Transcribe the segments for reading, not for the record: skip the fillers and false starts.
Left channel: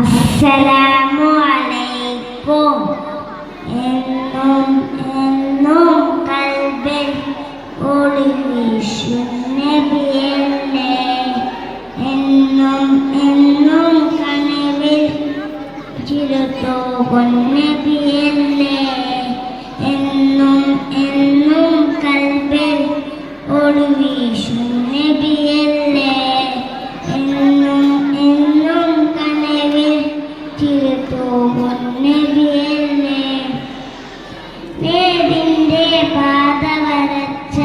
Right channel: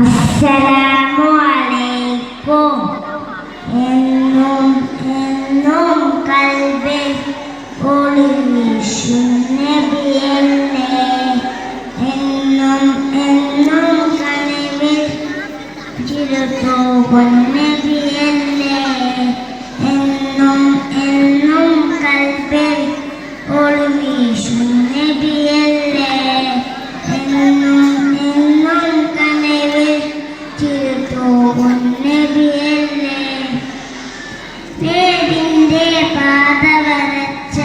അസ്സലാമു അലൈക്കും. എന്നും എന്നും കൽബിൽ ഒളിവീശും നബിയല്ലേ, എന്നും എന്നും കനവിൽ ചിരതൂകും നബിയല്ലേ, എന്നും എന്നും കൽബിൽ ഒളിവീശും നബിയല്ലേ, എന്നും എന്നും കനവിൽ ചിരതൂകും നബിയല്ലേ. നേരിന്റെ പാത വരച്ച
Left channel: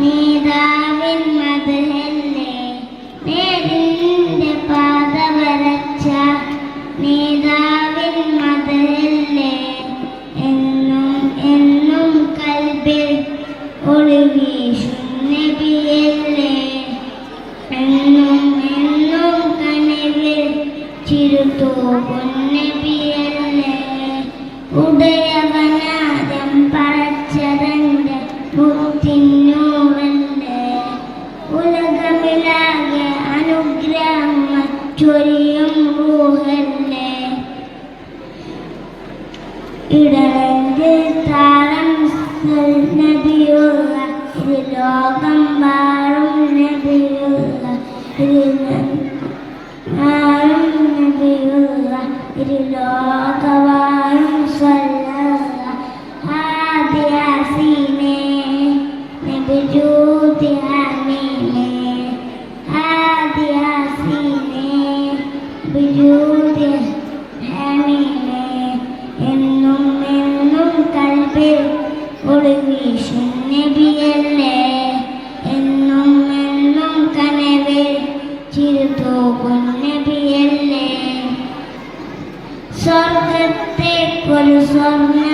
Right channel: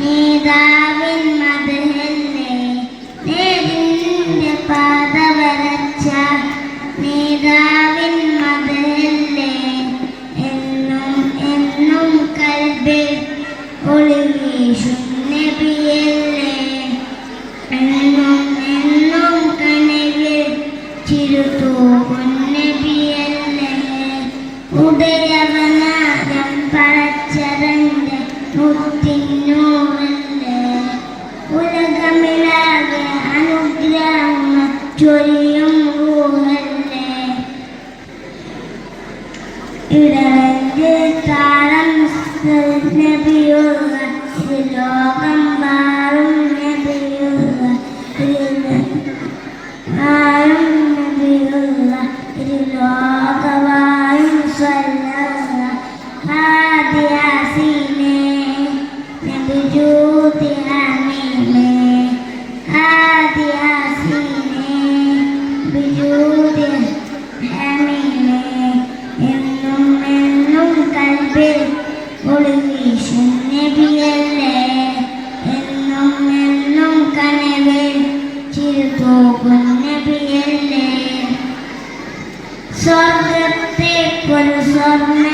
നേതാവിൻ മദഹല്ലേ, നേരിന്റെ പാത വരച്ച നേതാവിൻ മദഹല്ലേ, എന്നും എന്നും കൽബിൽ ഒളിവീശും നബിയല്ലേ, എന്നും എന്നും കനവിൽ ചിരതൂകും നബിയല്ലേ. ഉദയവനാരം പടച്ചവന്റെ മുത്തിന്നൂറല്ലേ, ഉലകമിലാകെ അനുഗ്രഹങ്ങൾ ചൊരിയും റൂഹല്ലേ. ഇടവന്റെ താളം നബിയുള്ള ലോകം മാറും നബിയുള്ള ആരും നബിയുള്ള ലോകവായും സ്വല്ല ആദിയാസീനെ നബിജൂതി ഹമീമേ, ആദിയാസീനെ ബിജൂതി ഹമീമേ, എന്നും എന്നും കൽബിൽ ഒളിവീശും നബിയല്ലേ, എന്നും എന്നും കനവിൽ ചിരതൂകും നബിയല്ലേ. സ്വർഗത്തേക്കൊരു സ്വർണ്ണ